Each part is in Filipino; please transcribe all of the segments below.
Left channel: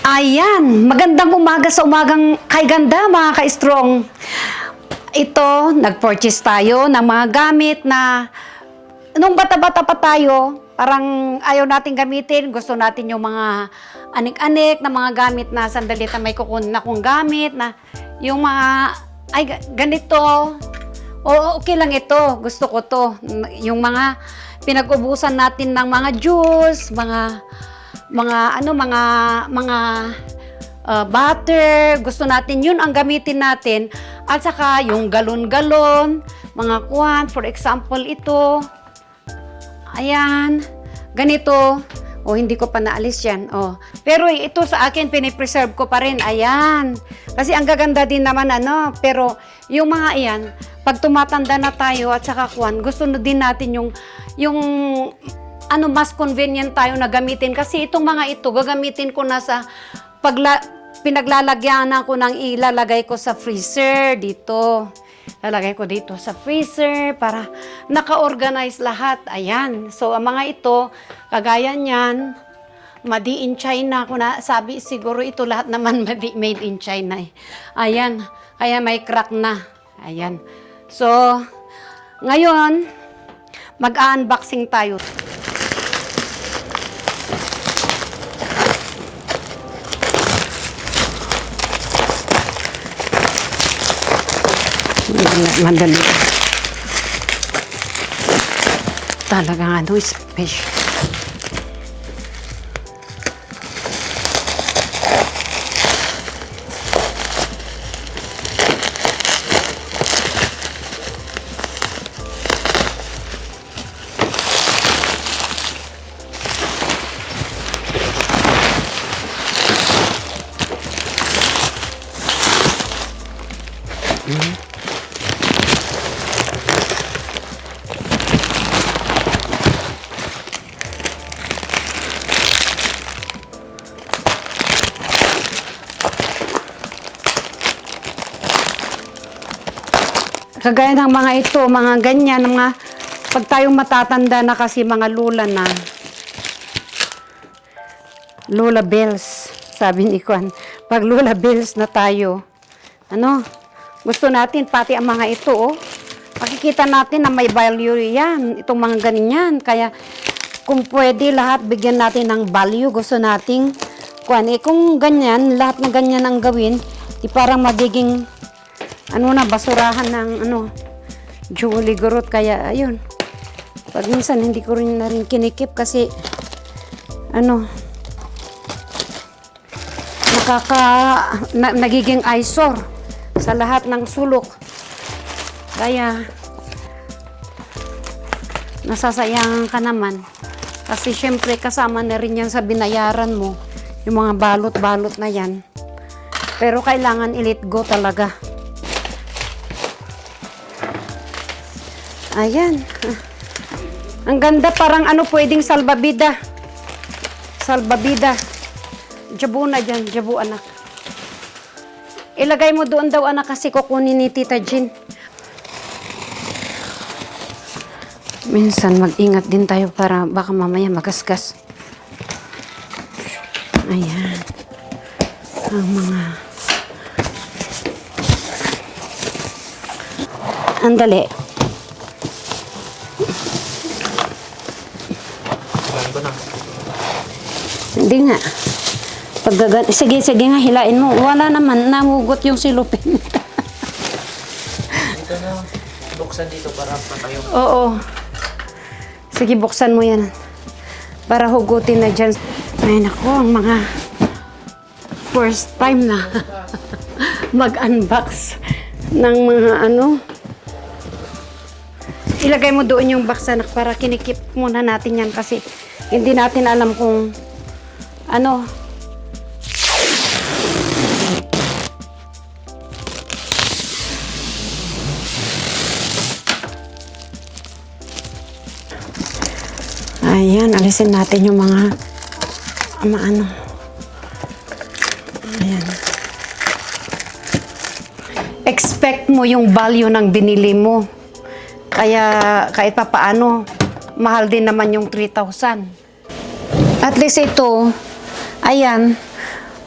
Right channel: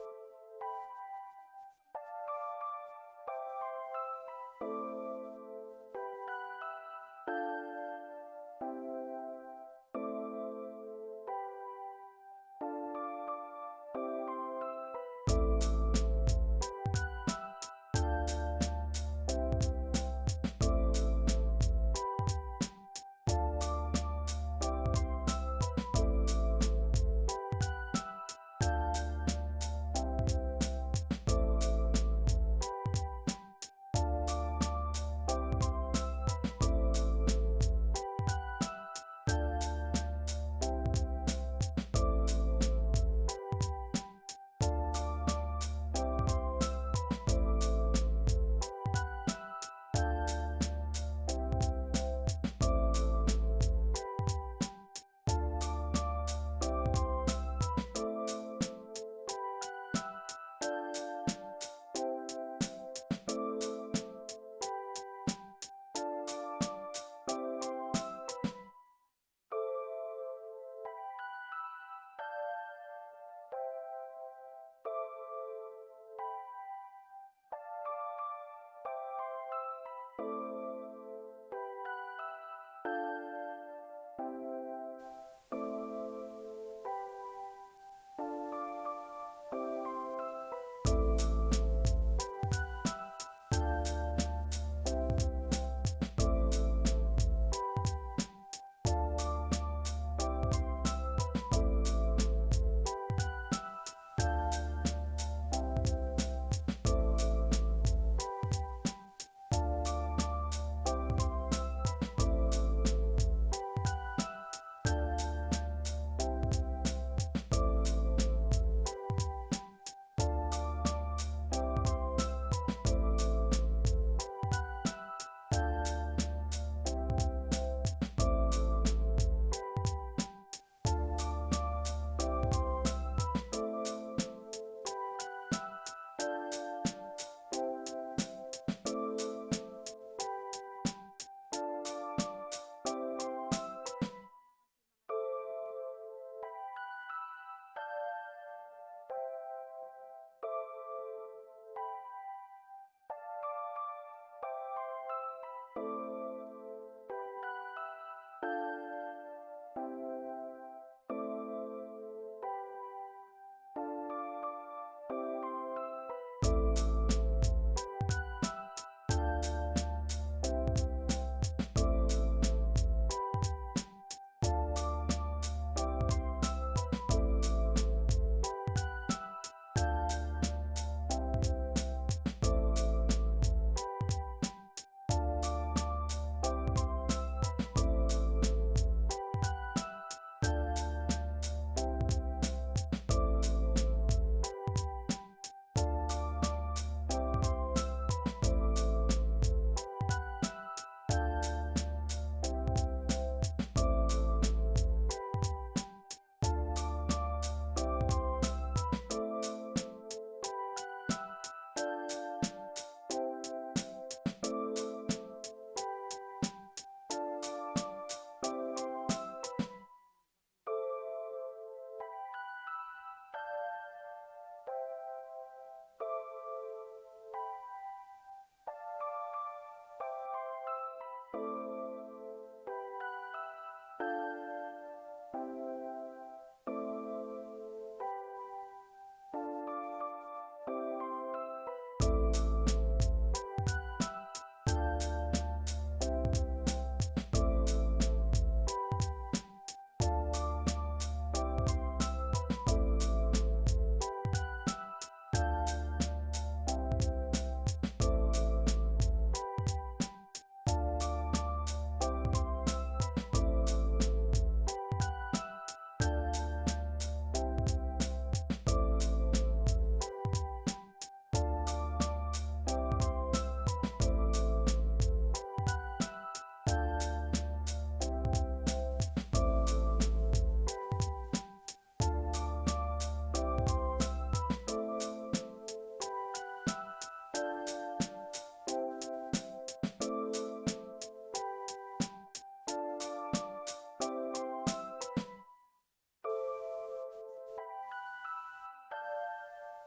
Ayan, magandang umaga sa umagang kay ganda mga ka-strong. Ito, nag-purchase tayo ng mga gamit na nung bata-bata pa tayo, parang ayaw natin gamitin. Gusto natin yung mga anik-anik na mga gamit na sandali na may kukunin akong gamit na yung mga, ay ganito, o okay lang ito, gusto ko to. Yung mga pinag-ubusan natin ng mga juice, butter, gusto natin yun ang gamitin natin. At saka yung galon-galon, mga kuwan, for example ito, ayan, ganito, hindi ko pa naalis yan, pero ito sa akin, pinipreserve ko pa rin, ayan, kasi ang gaganda din naman, pero yung mga iyan, pag tumatanda na tayo at saka kuwan, gusto na din natin yung mas convenient tayo na gamitin. Kasi itong mga ito, gagamitin ko na sa pinaglalagyan ko ng ilalagay ko sa freezer dito. Lalagay ko dito sa freezer para naka-organize lahat. Ayan. So, ang mga ito, kagaya niyan, made in China. Kung sabi, siguro ito lahat naman made in China. Ayan. Kaya may crack na. Ayan. So, ngayon, mag-unboxing tayo. Madali. Talagang special. Kagaya ng mga ito, mga ganyan, pag tayong matatanda na kasi mga lula na, Lola Bells, sabi ni Kwan, pag Lola Bells na tayo, gusto natin, pati ang mga ito, makikita natin na may value yan, itong mga ganyan, kaya kung pwede lahat, bigyan natin ng value, gusto nating, kung ganyan, lahat na ganyan ang gawin, di parang magiging, basurahan ng jewelry gurot. Kaya ayun, pag minsan hindi ko rin na rin kinikip kasi nagiging eyesore sa lahat ng sulok, kaya nasasayangan ka naman kasi syempre kasama na rin yan sa binayaran mo, yung mga balot-balot na yan, pero kailangan i-let go talaga. Ayan. Ang ganda, parang pwedeng salbabida. Salbabida. Jabu na dyan, jabu anak. Ilagay mo doon daw anak kasi kukunin ni Tita Jean. Minsan mag-ingat din tayo para baka mamaya magasgas. Ayan. Ang mga... Andali. Hindi nga. Sige nga, hilain mo. Wala naman, namugot yung silupin. Dito na, buksan dito para tayo. Oo. Sige, buksan mo yan. Para hugutin na dyan. Ay, naku, ang mga first time na mag-unbox ng mga Ilagay mo doon yung box anak para kinikip muna natin yan kasi hindi natin alam kung Ayan, alisin natin yung mga Ayan. Expect mo yung value ng binili mo. Kaya kahit pa paano, mahal din naman yung 3,000. At least ito, ayan,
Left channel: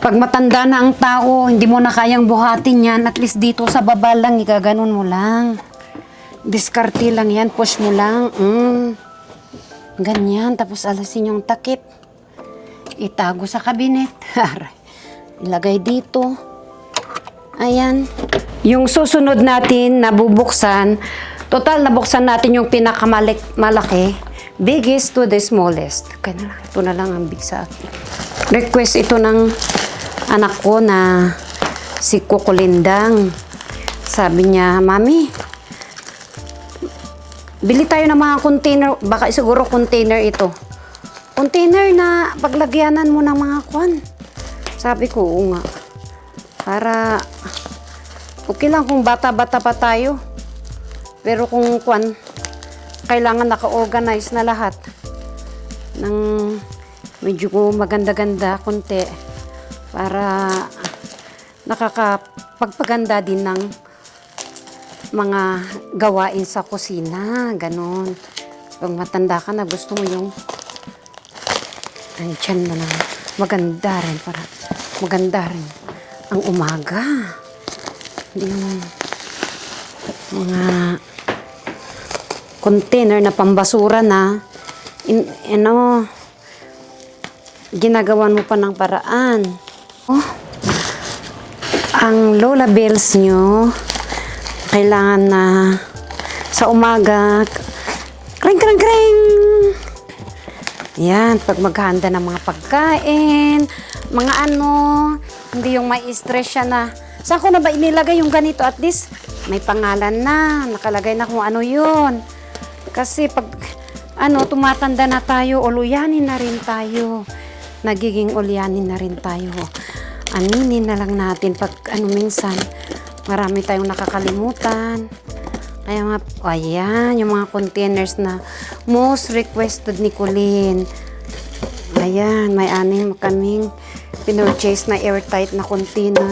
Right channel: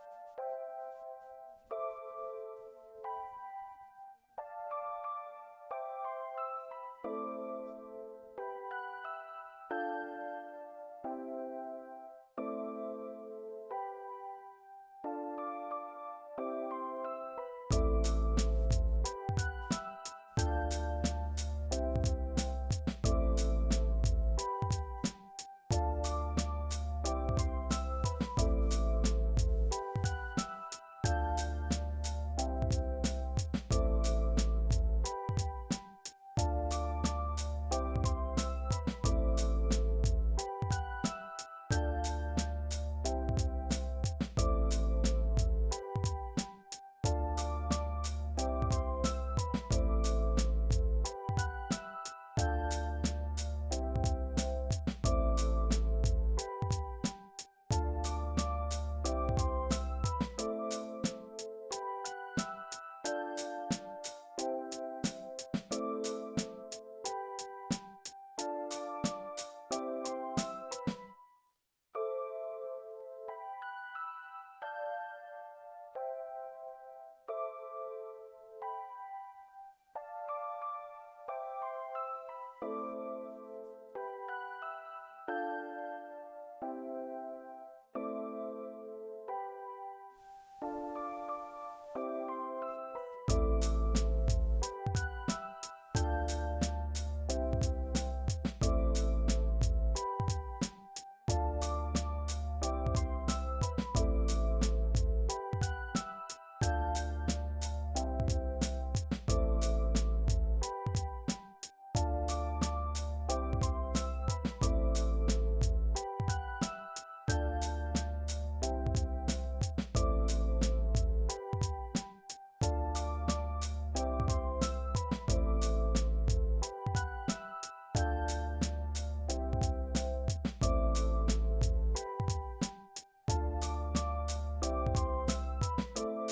Pag matanda na ang tao, hindi mo na kayang buhatin yan, at least dito sa baba lang, igaganon mo lang. Diskarte lang yan, push mo lang. Ganyan, tapos alasin yung takip. Itago sa kabinet. Ilagay dito. Ayan. Yung susunod natin na bubuksan, total nabuksan natin yung pinakamalaki, biggest to the smallest. Kaya ito na lang ang big sa akin. Request ito ng anak ko na si Kukulindang. Sabi niya, Mami, bili tayo ng mga container, baka siguro container ito. Container na paglagyanan mo ng mga kwan. Sabi ko, oo nga. Para, okay lang kung bata-bata pa tayo. Pero kung kwan, kailangan naka-organize na lahat. Ng medyo maganda-ganda, konti. Para nakakapagpaganda din ng mga gawain sa kusina. Ganon. Pag matanda ka na, gusto mo yung andyan na lang. Maganda rin. Para maganda rin ang umaga. Hindi yung mga container na pambasura na ginagawan mo pa ng paraan. Oh, ang Lola Bells nyo, kailangan na sa umaga, kring, kring, kring. Yan, pag maghahanda ng mga pagkain, mga hindi yung may stress siya na, saan ko na ba inilagay yung ganito? At least, may pangalan na, nakalagay na kung ano yun. Kasi pag, tumatanda na tayo, uluyanin na rin tayo. Nagiging ulyanin na rin tayo. Aminin na lang natin pag minsan, marami tayong nakakalimutan. Kaya nga, ayan, yung mga containers na most requested ni Colleen. Ayan, may anim kaming pinurchase na airtight na container.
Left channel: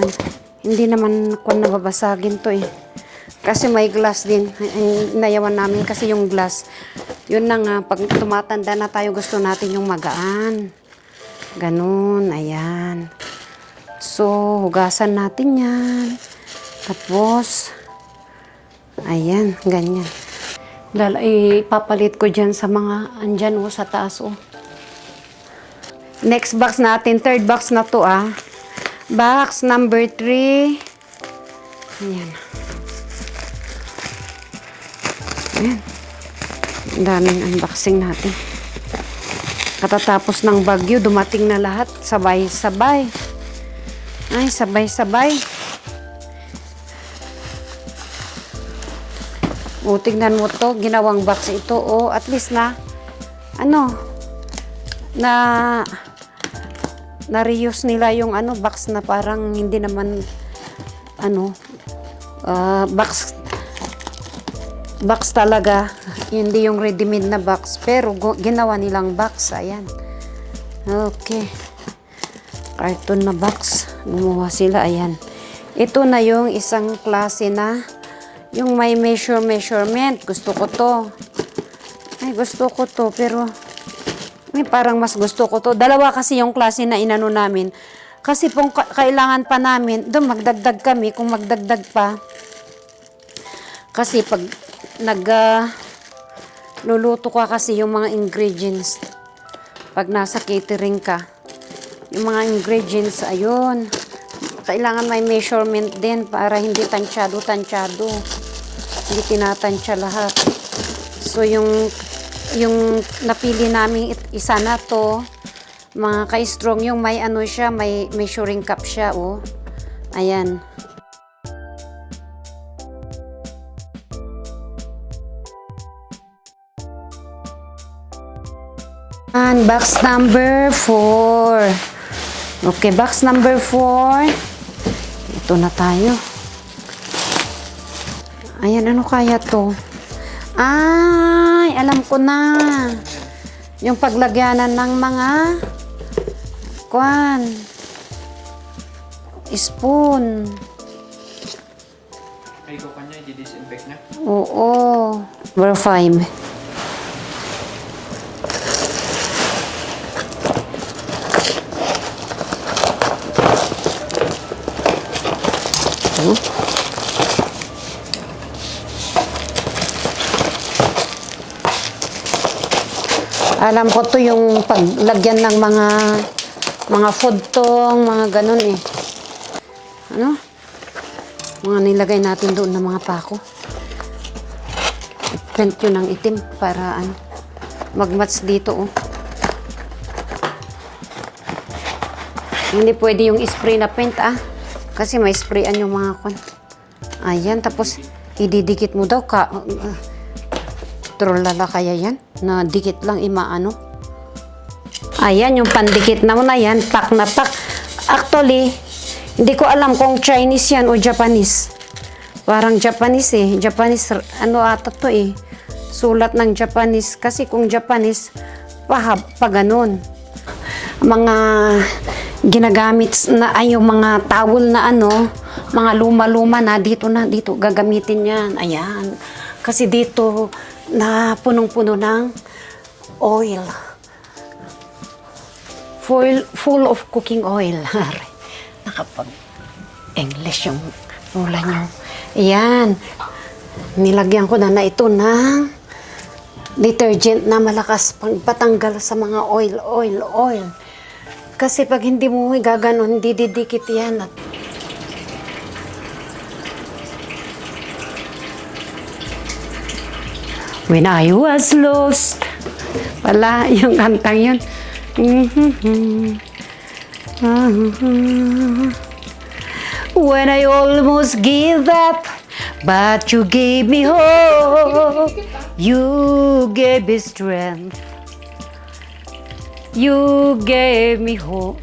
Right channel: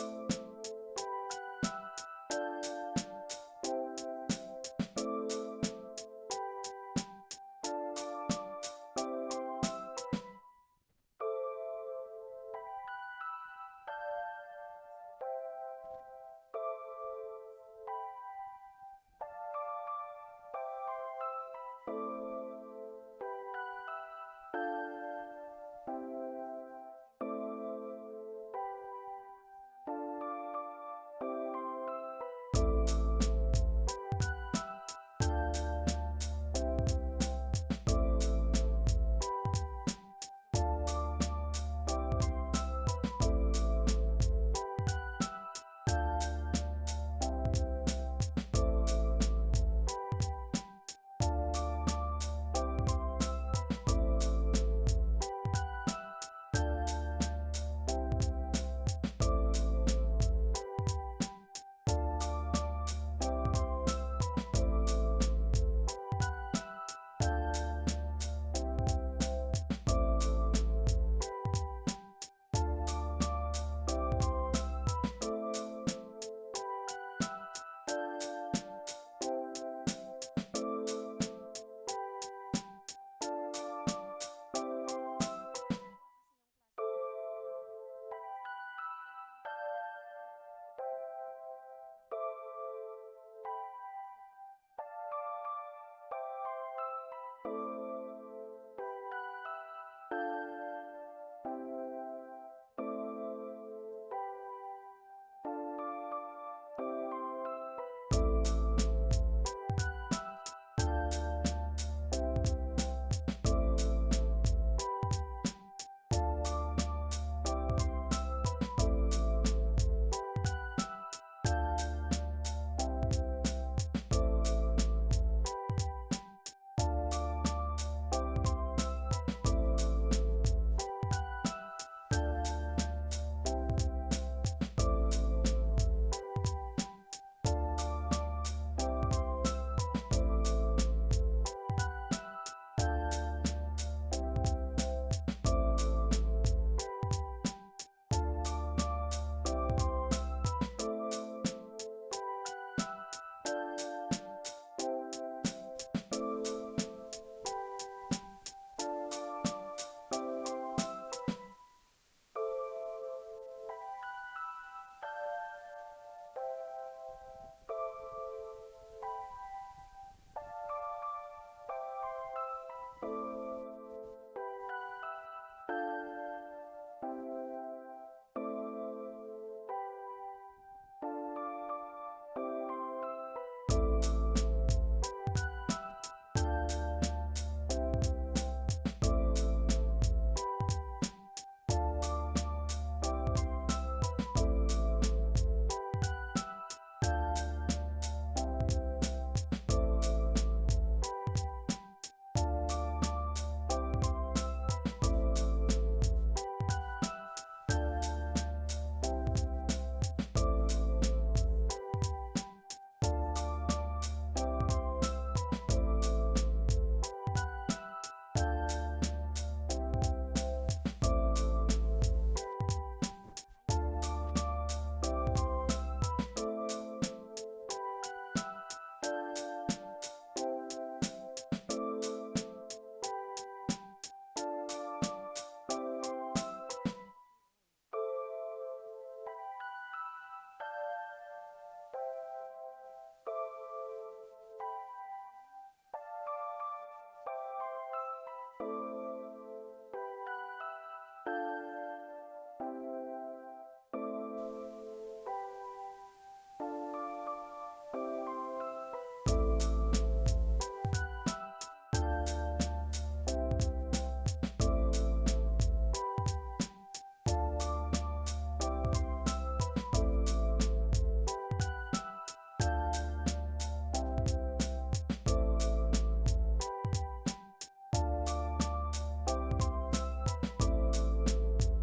Hindi naman kung nababasagin to eh. Kasi may glass din. Nayawan namin kasi yung glass. Yun na nga, pag tumatanda na tayo, gusto natin yung magaan. Ganun, ayan. So, hugasan natin yan. Tapos, ayan, ganyan. Ipapalit ko dyan sa mga andyan sa taas Next box natin, third box na to Box number 3. Ayan. Ayan. Ang daming unboxing natin. Katatapos ng bagyo, dumating na lahat. Sabay-sabay. Ay, sabay-sabay. Tignan mo to, ginawang box ito. At least na, na-reuse nila yung box na parang hindi naman, box talaga. Hindi yung ready-made na box. Pero ginawa nilang box. Ayan. Okay. Carton na box. Gumawa sila. Ayan. Ito na yung isang klase na yung may measurement. Gusto ko to. Ay, gusto ko to. Pero may parang mas gusto ko to. Dalawa kasi yung klase na inano namin. Kasi kung kailangan pa namin, doon magdagdag kami kung magdagdag pa. Kasi pag luluto ka kasi yung mga ingredients. Pag nasa catering ka, yung mga ingredients, ayun. Kailangan may measurement din para hindi tansyado. Hindi tinatansya lahat. So, yung napili namin isa na to, mga ka-strong, yung may siya, may measuring cup siya, Ayan. And box number 4. Okay, box number 4. Ito na tayo. Ayan, ano kaya to? Ay, alam ko na. Yung paglagyanan ng mga spoon. Ay, ko kanya, i-disinfect na. Oo. Number 5. Alam ko to yung paglagyan ng mga food tong, mga ganun eh. Ano? Mga nilagay natin doon ng mga pako. Print yun ng itim para ano, mag-match dito oh. Hindi pwede yung spray na paint ah. Kasi may sprayan yung mga kon. Ayan, tapos ididikit mo daw ka. Trolala kaya yan? Na dikit lang imaano. Ayan, yung pandikit na mo na yan. Pak na pak. Actually, hindi ko alam kung Chinese yan o Japanese. Parang Japanese eh. Japanese, ano ata to eh. Sulat ng Japanese. Kasi kung Japanese, pa ganun. Mga ginagamit na ay yung mga towel na ano, mga luma-luma na dito gagamitin yan. Ayan. Kasi dito na punong-puno ng oil. Full of cooking oil. Nakapag-English yung mula nyo. Ayan. Nilagyan ko na ito ng detergent na malakas pagpatanggal sa mga oil. Kasi pag hindi mo gaganon, hindi didikit yan. When I was lost. Wala, yung kantang yun. When I almost give up, but you gave me hope. You gave me strength. You gave me hope.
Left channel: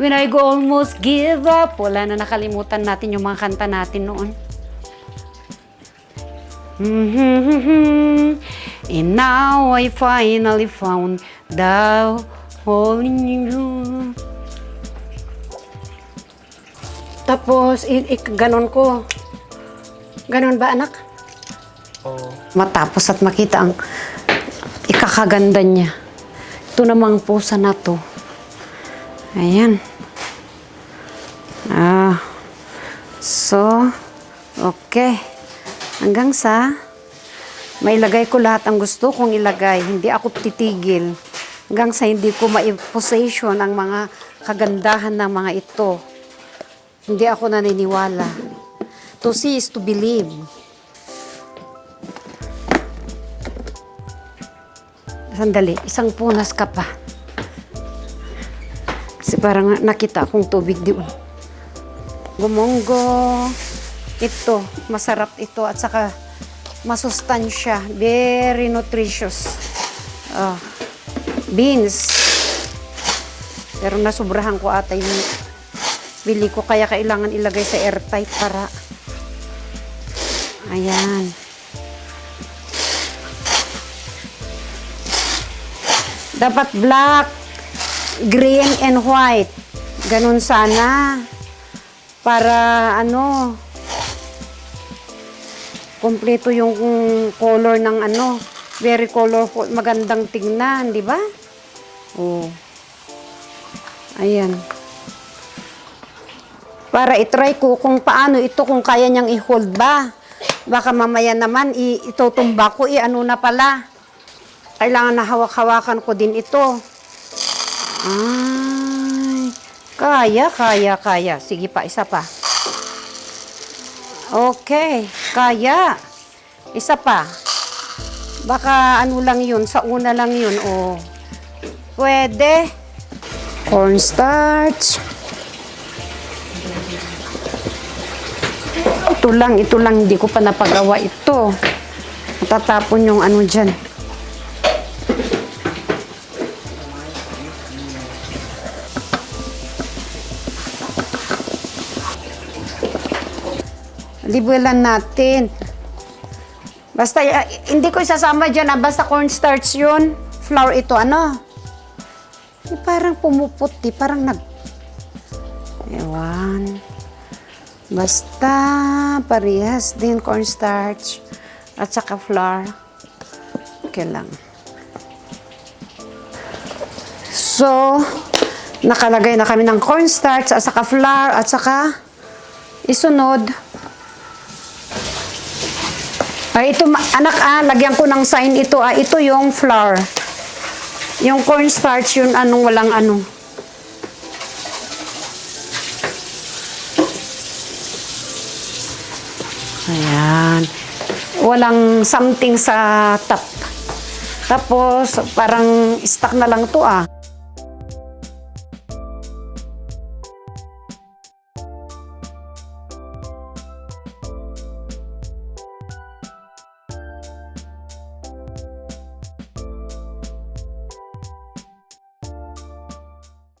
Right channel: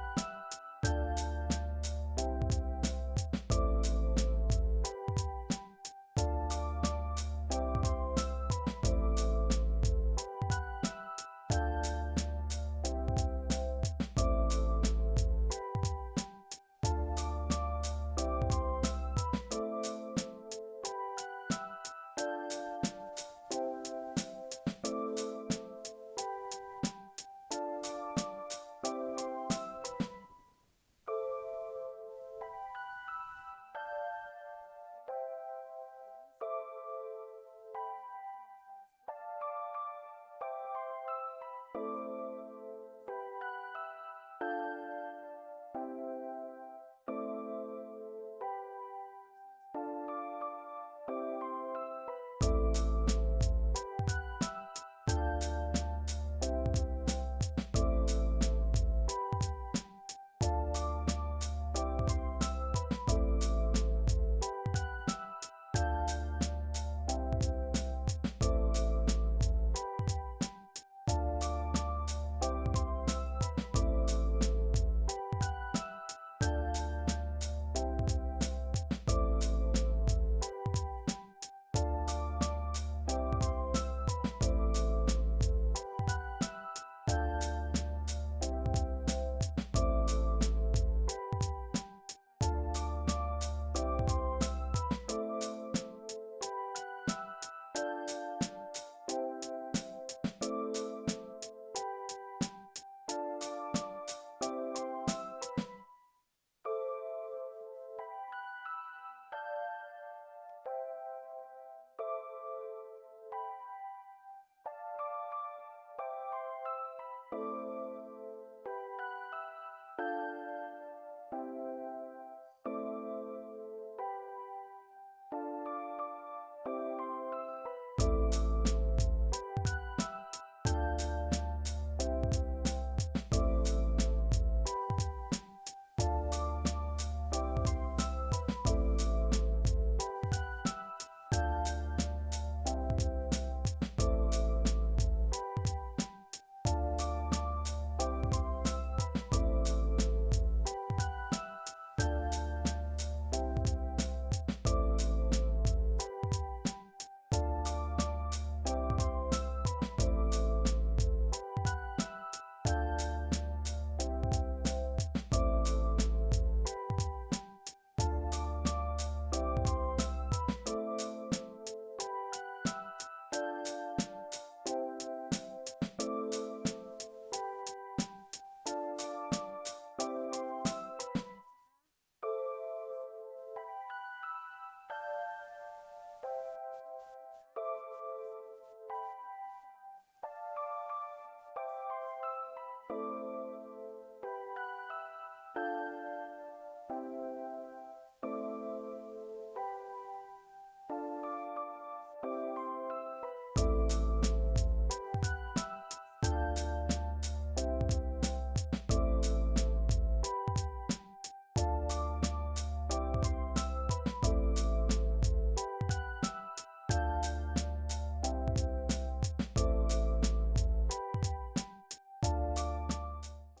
When I almost give up. Wala na, nakalimutan natin yung mga kanta natin noon. And now I finally found the hole in you. Tapos, ganon ko. Ganon ba, anak? Oo. Matapos at makita ang ikakaganda niya. Ito namang pusa na to. Ayan. So, okay. Hanggang sa mailagay ko lahat ang gusto kong ilagay. Hindi ako titigil. Hanggang sa hindi ko ma-possession ang mga kagandahan ng mga ito. Hindi ako naniniwala. To see is to believe. Sandali, isang punas ka pa. Kasi parang nakita akong tubig doon. Gumonggo. Ito, masarap ito at saka masustansya. Very nutritious. Beans. Pero nasubrahan ko ata yung bili ko, kaya kailangan ilagay sa airtight para ayan. Dapat black, green, and white. Ganun sana. Para ano, kompleto yung color ng ano. Very colorful, magandang tingnan, di ba? Oh. Ayan. Para itry ko kung paano ito, kung kaya niyang i-hold ba. Baka mamaya naman, itutumba ko, ano na pala. Kailangan na hawak-hawakan ko din ito. Ay, kaya. Sige pa, isa pa. Okay, kaya. Isa pa. Baka ano lang yun, sa una lang yun, oh. Pwede. Cornstarch. Ito lang, hindi ko pa napagawa ito. Matatapon yung ano dyan. Libulan natin. Basta, hindi ko isasama dyan, basta cornstarch yun. Flour ito, ano? Parang pumuputi, parang Ewan. Basta, parehas din cornstarch at saka flour. Okay lang. So, nakalagay na kami ng cornstarch at saka flour at saka isunod. Ito, anak, lagyan ko ng sign ito. Ito yung flour. Yung cornstarch yun, anong walang ano. Ayan. Walang something sa top. Tapos, parang stuck na lang to ah.